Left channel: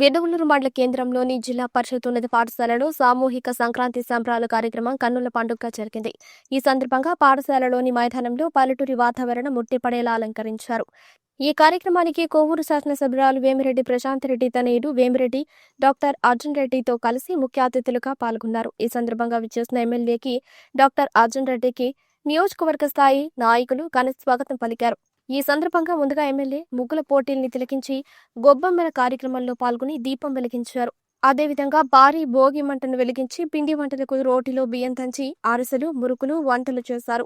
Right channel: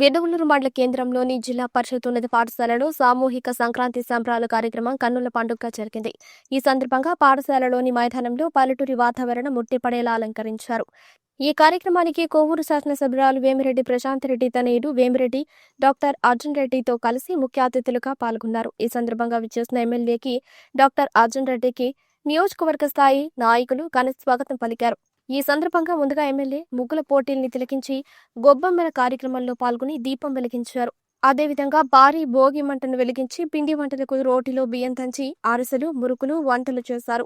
వెనుగులూరు మండల కేంద్రంలోని జిల్లా పరిషత్ ఉన్నత పాఠశాలలో సామూహిక సంక్రాంతి సంబరాల కార్యక్రమం కన్నుల పండుగగా జరిగింది. ఈ సందర్భంగా పాఠశాలలోని మైదానంలో పల్లెటూరి వాతావరణం ముట్టిపడేలా అలంకరించారు. ఈ కార్యక్రమానికి కోవూరు శాసనసభ్యురాలు వేమిరెడ్డి ప్రశాంత్ రెడ్డి తనయుడు వేమిరెడ్డి డాక్టర్ అర్జున్ రెడ్డితో కలిసి ముఖ్య అతిథులుగా పాల్గొన్నారు. ఈ సందర్భంగా విచ్చేసిన ఎమ్మెల్యేకి డాక్టర్ అర్జున్ రెడ్డికి నియోజకవర్గ స్థాయి నాయకులు ఘన స్వాగతం పలికారు. ఈ సందర్భంగా ముందుగా ఎమ్మెల్యే ముగ్గుల పోటీల్ని తిలకించి గొబ్బెమ్మల కార్యక్రమంలో పాల్గొని దీపం వెలిగించారు. అదేవిధంగా భారీ భోగి మంటను వెలిగించి పిండి వంటలకు రోటిలో బియ్యం తంచి అరిసెలు మురుకులు వంటలు చేశారు.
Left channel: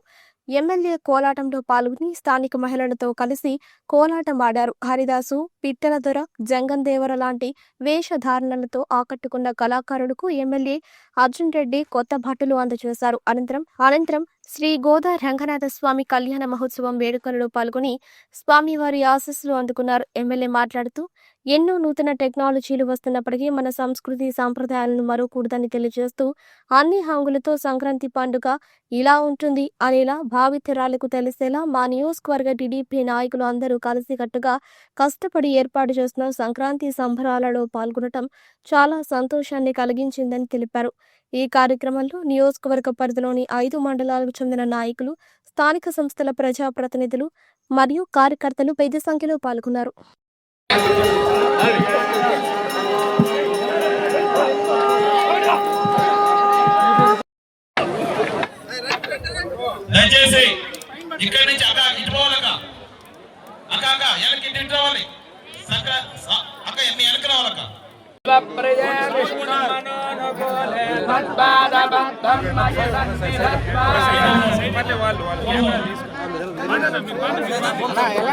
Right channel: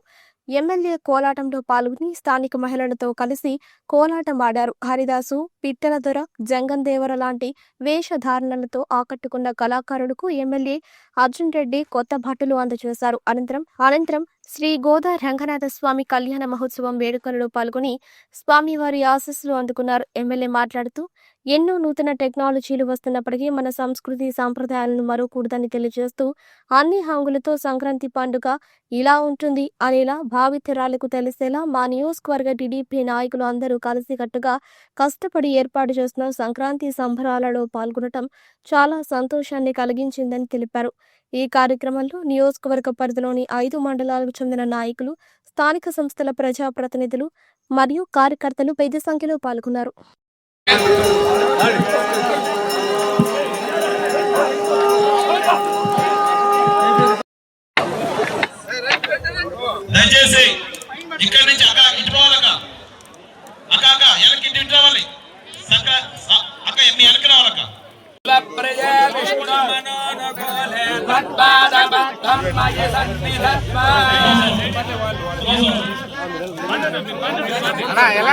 ఎమ్మెల్యే కోలాటంలో పాల్గొని స్థానిక మహిళలతో కలిసి కోలాటం ఆడారు హరిదాసు పిట్టల దొర జంగన్ దేవర లాంటి వేషధారణలతో ఆకట్టుకున్న కళాకారులకు ఎమ్మెల్యే అర్జున్ రెడ్డి కొత్త బట్టలు అందజేశారు. అనంతరం అనంతరం శ్రీ గోదా రంగనాథ స్వామి కళ్యాణ మహోత్సవం వేడుకలలో పాల్గొని స్వామివారి ఆశీస్సులు అందుకున్నారు. ఎమ్మెల్యే మాట్లాడుతూ ఎన్నో నూతన టెక్నాలజీలు వస్తున్నప్పటికీ మన సంస్కృతి సాంప్రదాయాలను మరవకూడదని తెలియజేస్తూ అన్ని హంగులతో సంక్రాంతి పండుగ ఇలా ఉంటుంది అనేలా భావితరాలకు తెలిసేలా మా నియోజకవర్గ టీడీపీ నాయకులు అందరూ కలిసికట్టుగా కష్టపడి ఏర్పాటు చేస్తున్న సంక్రాంతి సంబరాలలో పాల్గొనటం చాలా సంతోషాన్ని కలిగించిందని తెలిపారు. ఈ కార్యక్రమంలో నియోజకవర్గ పరిధిలోని ఐదు మండలాలకు చెందిన నాయకులు స్థానిక సంస్థల ప్రజాప్రతినిధులు మరియు కార్యకర్తలు పెద్ద సంఖ్యలో పాల్గొన్నారు. దయచేసి ఇక్కడి నుంచి అక్క ఇటుకోవాలక్క అక్క. అక్క వెనక్కి ఇంటి ఇటు రావాలి. అక్క ఎన్ని వెనక్కి రావాలక్క ఎలా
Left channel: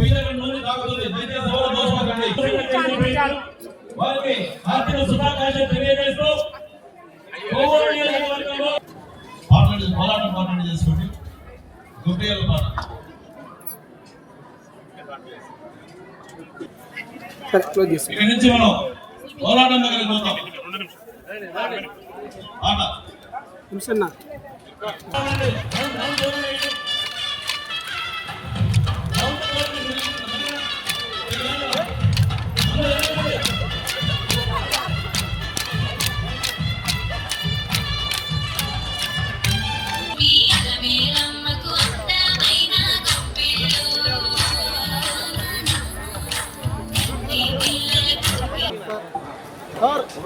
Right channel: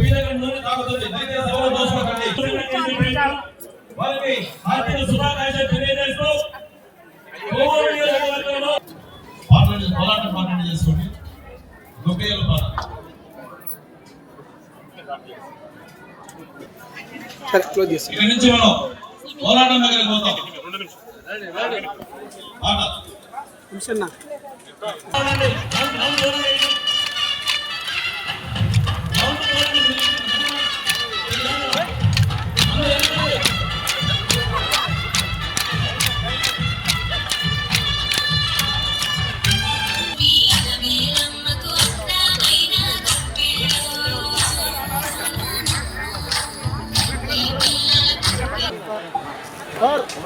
దగ్గర నూనె తాగుతుంది. దయచేసి ఎవరు మోసపోకండి వారికి ఆర్థిక శుభాకాంక్షలు తెలియజేస్తూ కోవూరు నియోజకవర్గంలో పార్లమెంట్ పోరాటం పార్లమెంట్ చేసుకోండి. గొప్పయ్యల పాట ఇక్కడి నుంచి మనం పోరాటం దగ్గరికి పోతాం. పాట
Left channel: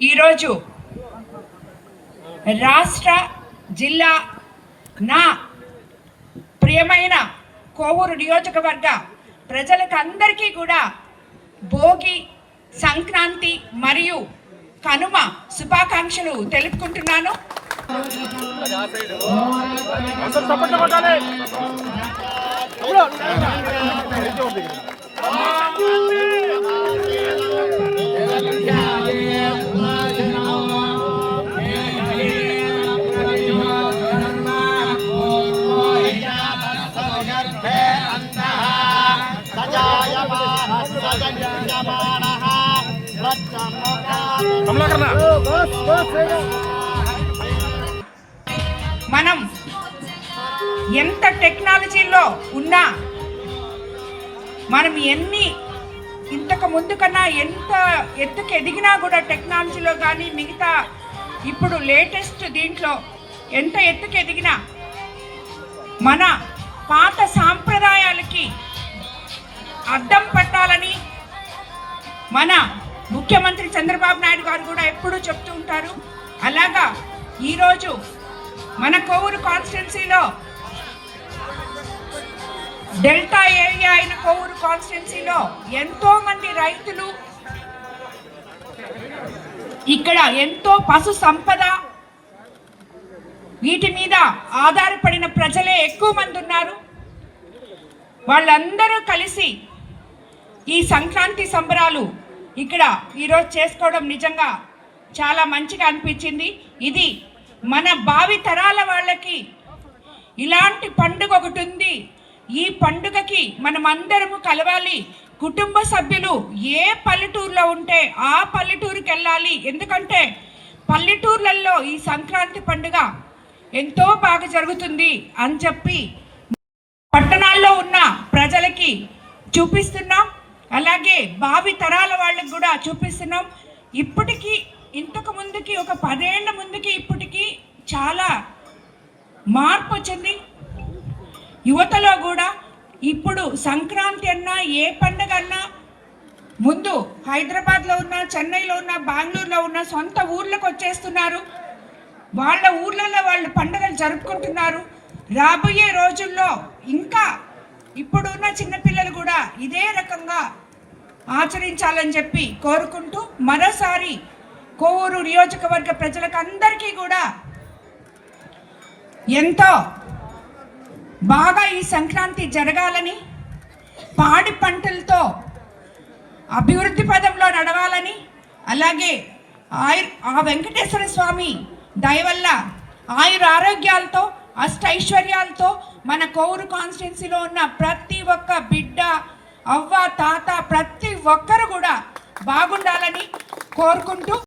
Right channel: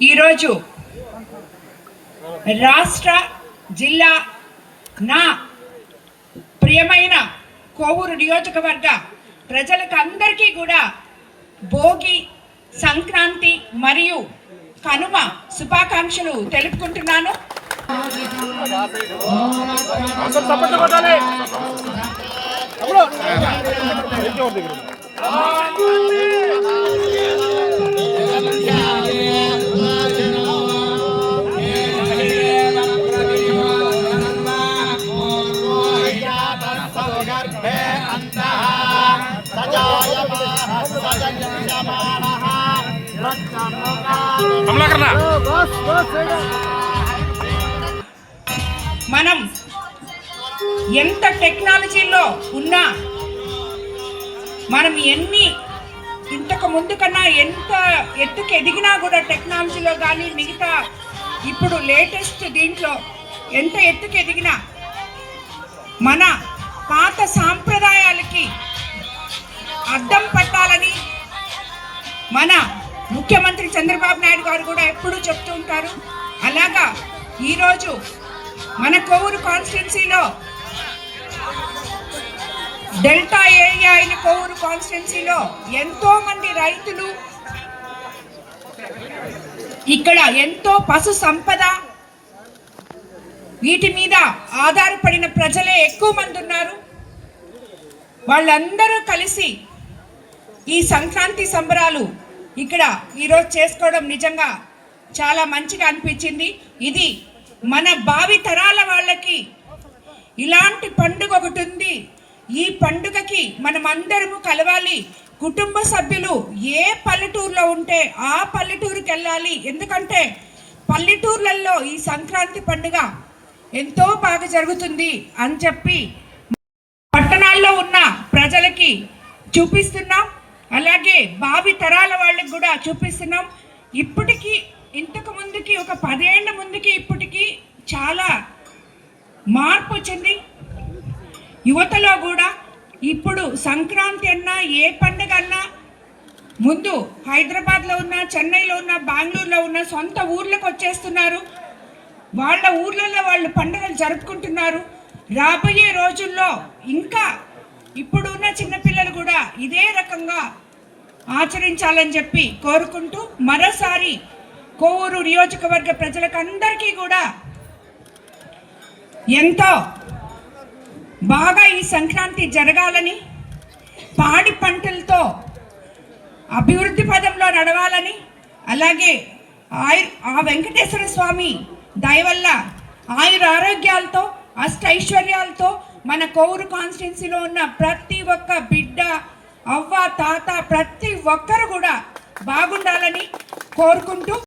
ఈరోజు రాష్ట్ర జిల్లా నా ప్రియమైన కోవూరు నియోజకవర్గ ప్రజలకు అందరికీ కూడా భోగి సంక్రాంతి మరియు కనుమ శుభాకాంక్షలు తెలుపుకుంటున్నాను. మనం ఎంత టెక్నాలజీలో ఉన్నా మనం ఎన్ని ఇంతకు ముందు కన్నా ఎంత ఎత్తుకు ఎదిగినా కూడా టెక్నాలజీలో కానీ మిగతా ఇప్పుడు లేటెస్ట్ దీంట్లో ఎంత ఎత్తుకు ఎదిగినా మన పాత సాంప్రదాయాలకి అడ్డం పట్టాలని మన ముఖ్యమంత్రి చంద్రబాబు నాయుడు గారు కూడా ఎప్పుడూ చెప్తూ ఉంటారు. అలాగా ఈరోజు మన కోవూరు కాన్స్టిట్యున్సీలో డెల్టా ఏరియా అయిన కోవూరు కాన్స్టిట్యున్సీలో ఎంతో మంది రైతులు ఇక్కడ ఎంతో పశు సంపద వీటి మీద ఆధారపడిన ప్రజలే ఎక్కువ మంది ఉన్నారు. వాళ్ళందరూ కలిసి ఈ సంక్రాంతి సంబరాలు ఇక్కడ ఈరోజు చేసుకోవడం నిజంగా చాలా మంచిగా అనిపించింది. ఇది మన భావి తరాల వాళ్ళకి ఇలాంటి పండుగ ఒకటి ఉంది. ఈ పండుగకి మనం అందరము కలవాలి. కుటుంబ సభ్యులు ఏ పల్లెటూరులో ఉంటే ఆ పల్లెటూరుకి వెళ్ళాలి. ఎందుకంటే పల్లెటూర్లలో ఈ సంక్రాంతి పండుగ ఎంతో బాగా జరుగుతుంది అని చెప్పి పట్టణాల్లో ఉన్న ప్రజలకి చూపిస్తున్నాం. అలాగే భావి తరాల వాళ్ళకి కూడా చూపిస్తున్నాం. ఇప్పటికీ ఇంతకు ముందుకి ఒక పదేళ్ళ ముందుకి ఇప్పటికీ చాలా మార్పు వచ్చింది. యువతలో కూడా ఇప్పుడు సంక్రాంతి అన్నా ఏ పండుగ అన్నా ముందు హైదరాబాద్లో ఉన్న చెన్నైలో ఉన్న బెంగళూరులో ఉన్న సొంత ఊర్లకు వచ్చేస్తున్నారు. వాళ్ళ ఊర్లలో వాళ్ళు పండుగలు జరుపుకుంటున్నారు. రాబోయే రోజుల్లో ఇంకా ఇప్పుడున్న చిన్నపిల్లలు కూడా ఇదే రకంగా ఆచరించాలని చెప్పి కోరుకుంటూ మరోసారి కోవూరు నియోజకవర్గ ప్రజలకు అందరికీ కూడా ఎంతో బాగా ఈ సంక్రాంతి జరగాలని పాడి పంటలతో అభివృద్ధి పదంలో నడవాలని అలాగే ఆయుర్ ఆ వెంకటేశ్వర స్వామి దయవల్ల ఆయుర ఆరోగ్యాలతో అష్టైశ్వర్యాలతో మన కోరు కాన్స్టిట్యున్సీలో ఉన్న ప్రతి ఒక్క బిడ్డ అవ్వ తాత ప్రతి ఒక్కరు కూడా బాగుండాలని కోరుకుంటూ